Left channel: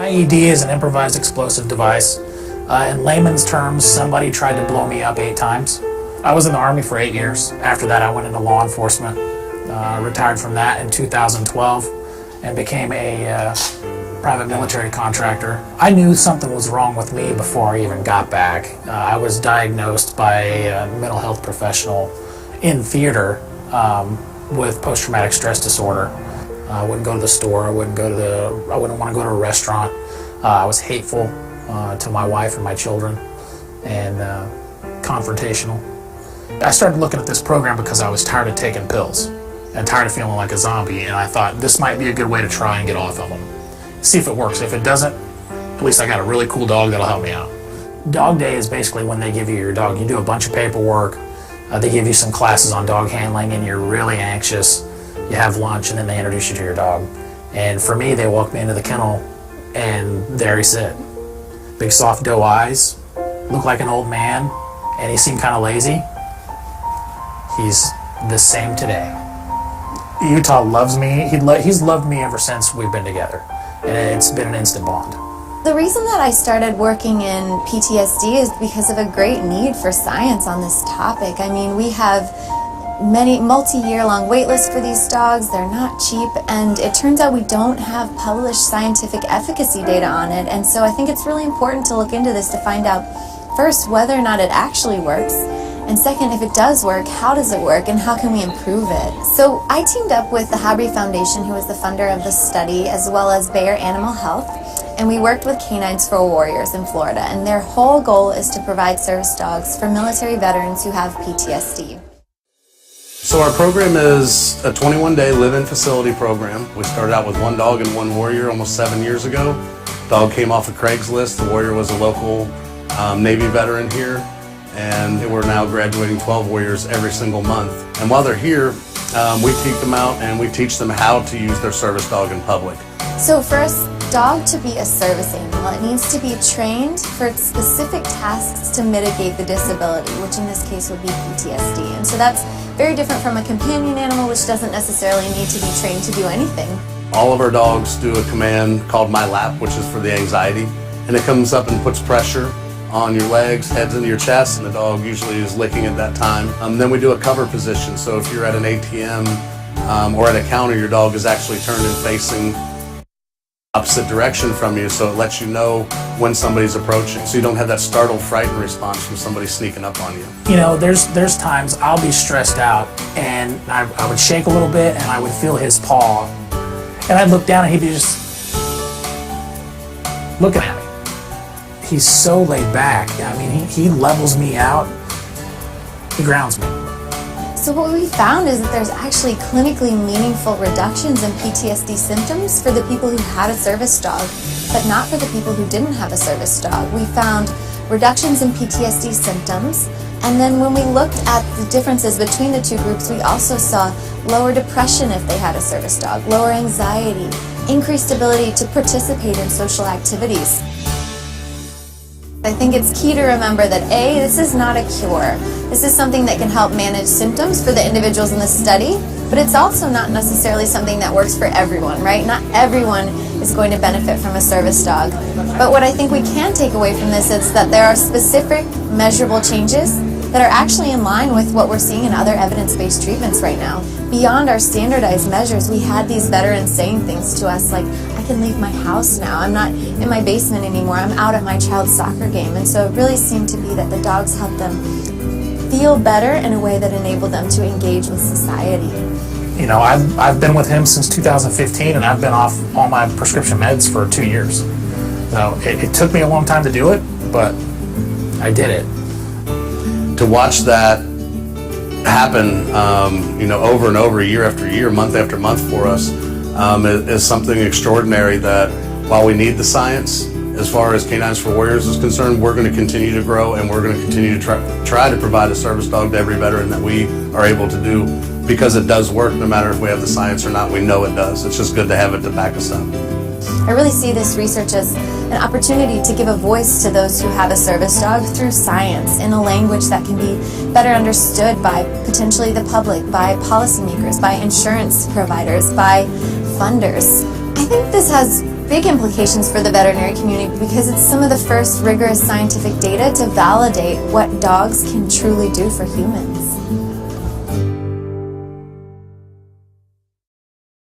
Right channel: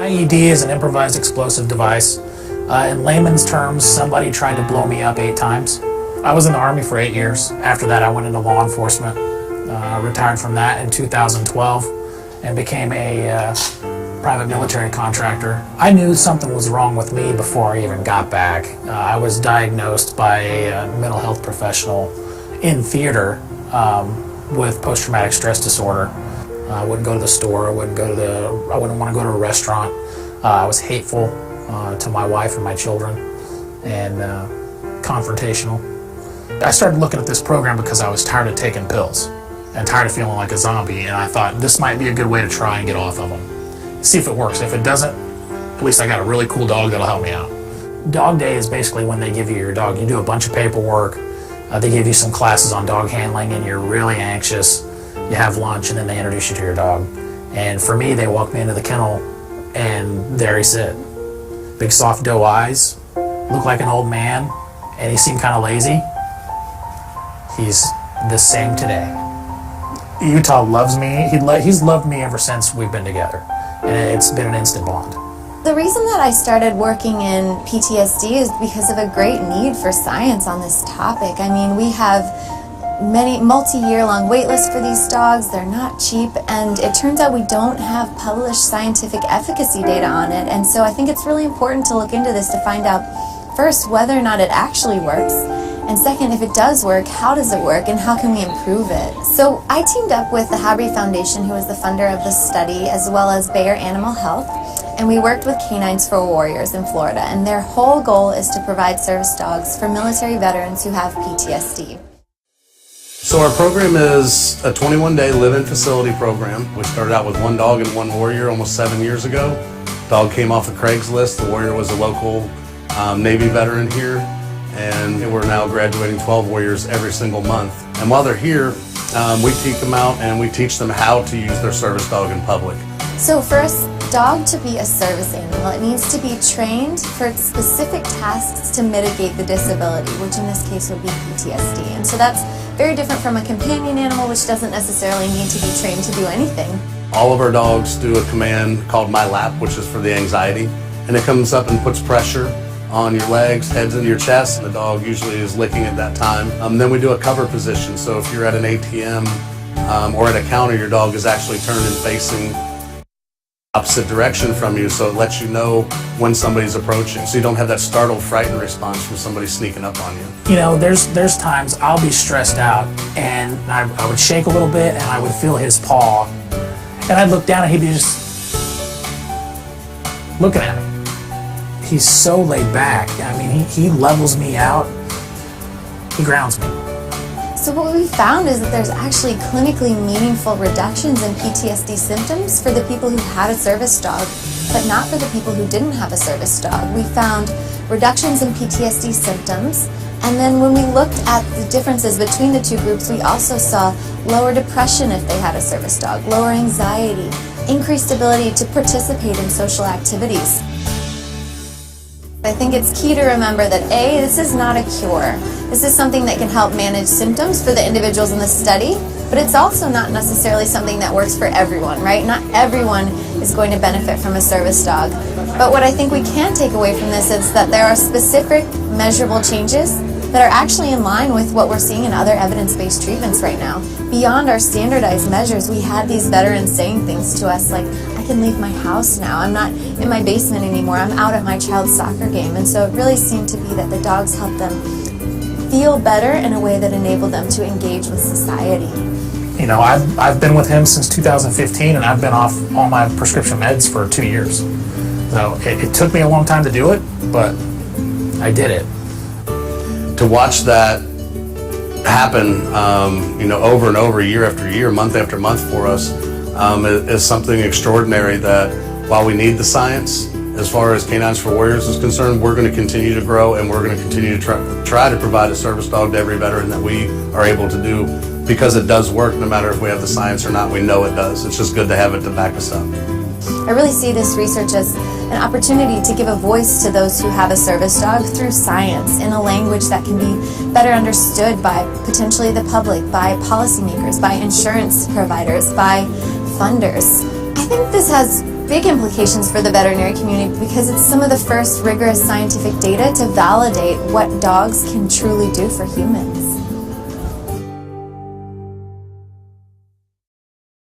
IED is an improvised explosive device. In layman's terms, somebody tried to blow me up 8 times. I was in the Army for 8 years. After that, I went into law enforcement. Retired from that in 2012 and became a private military contractor. I knew something was wrong with me before I even got back. I was diagnosed by a mental health professional in theater with post-traumatic stress disorder. I wouldn't go to the store, I wouldn't want to go to a restaurant. I was hateful to my wife and my children and confrontational. I started looking at this program because I was tired of taking pills and tired of feeling like a zombie, and I thought this might be a good way to try and get off of them. See if it works. If it doesn't, at least I got a really cool dog that'll help me out. Dog Day is basically when they give you your dog. You do a bunch of paperwork, they give you some classes on dog handling, and you're really anxious. You have lunch, and then they introduce you to your dog. And for me, they walked me into the kennel, and there he sit. Big soft doe eyes, looked like an old man, and he seemed kind of lazy. He's the same today. Utah loves me. He's loved me ever since we've been together, and it's been an instant bond. The reason that I started working in PTSD is because of a great need for science on this topic. I mean, we have many multi-year-long wait lists for these dogs. They're not cheap, and it turns out we don't have published scientific efficacy data on it. And so I think it's really important to look into this to find out, first, whether or not it actually works, and second, if it does work, how does it work and how can we improve it? So I teamed up with the Habry Foundation, who is the funder of this study, as well as Bayer Animal Health, and we worked with Canines for Warriors in Florida, and their whole goal is to provide service dogs for military veterans who have PTSD. So our program is a 21-day live-in facility program. We started out with 1 dog and 1 warrior almost 7 years ago. Dog came off of Craigslist. The warrior was a local Navy veteran here, and we're now graduating 12 warriors every single month. And while they're here, we take them out and we teach them how to use their service dog in public. So for a dog to be a service animal, it needs to be trained for its specific tasks to mitigate the disability, which in this case would be PTSD. And so that's very different from a companion animal, which doesn't necessarily need to be trained to do anything. All of our dogs do a command called My Lap, which is for the anxiety, and it comes up and puts pressure on your legs, heads into your chest, and the dog usually is licking at that time. Then we do a cover position, so if you're at an ATM or at a counter, your dog is actually turned and facing opposite direction from you, so it lets you know when somebody's approaching, so you don't have that startled, frightened response from somebody sneaking up on you. You know, there's times I'll be stressed out, and I would shake a little bit, and I would feel his paw, and I'd look down, and he'd be just looking at me. He's so laid back. I mean, he levels me out. He grounds me. So what we found is that there's actually clinically meaningful reductions in PTSD symptoms for the people who had a service dog, but not for the people who didn't have a service dog. We found reductions in PTSD symptoms, and then when we looked at the differences between the two groups, we also saw lower depression if they had a service dog, lower anxiety, increased ability to participate in social activities. I think it's key to remember that A, this is not a cure. This is something that can help manage symptoms for the individuals in the study, but it's also not necessarily something that works for everyone, right? Not everyone is going to benefit from a service dog. But what I think we can take away from this is that there are specific measurable changes that are actually in line with what we're seeing in other evidence-based treatments right now. Beyond our standardized measures, we had these veterans saying things to us like, I can leave my house now, I'm not in my basement anymore, I'm out at my child's soccer game. And so it really seemed to be that the dogs helped them feel better in a way that enabled them to engage with society. You know, I've been with him since 2015, and I've been off all my prescription meds for 2 years. So it took me a long time to do it, but I did it. To watch that happen, you know, over and over, year after year, month after month for us, is something extraordinary that while we need the science, as far as Canines for Warriors is concerned, we're going to continue to grow, and we're going to continue to try to provide a service dog to every veteran that we are able to do, because it does work no matter if we have the science or not. We know it does. It's just good to have it to back us up. I really see this research as an opportunity to give a voice to those who have a service dog through science in a language that can be better understood by potentially the public, by policymakers, by insurance providers, by funders. I think this has big implications for the veterinary community because it's some of the first rigorous scientific data to validate what dogs can truly do for humans.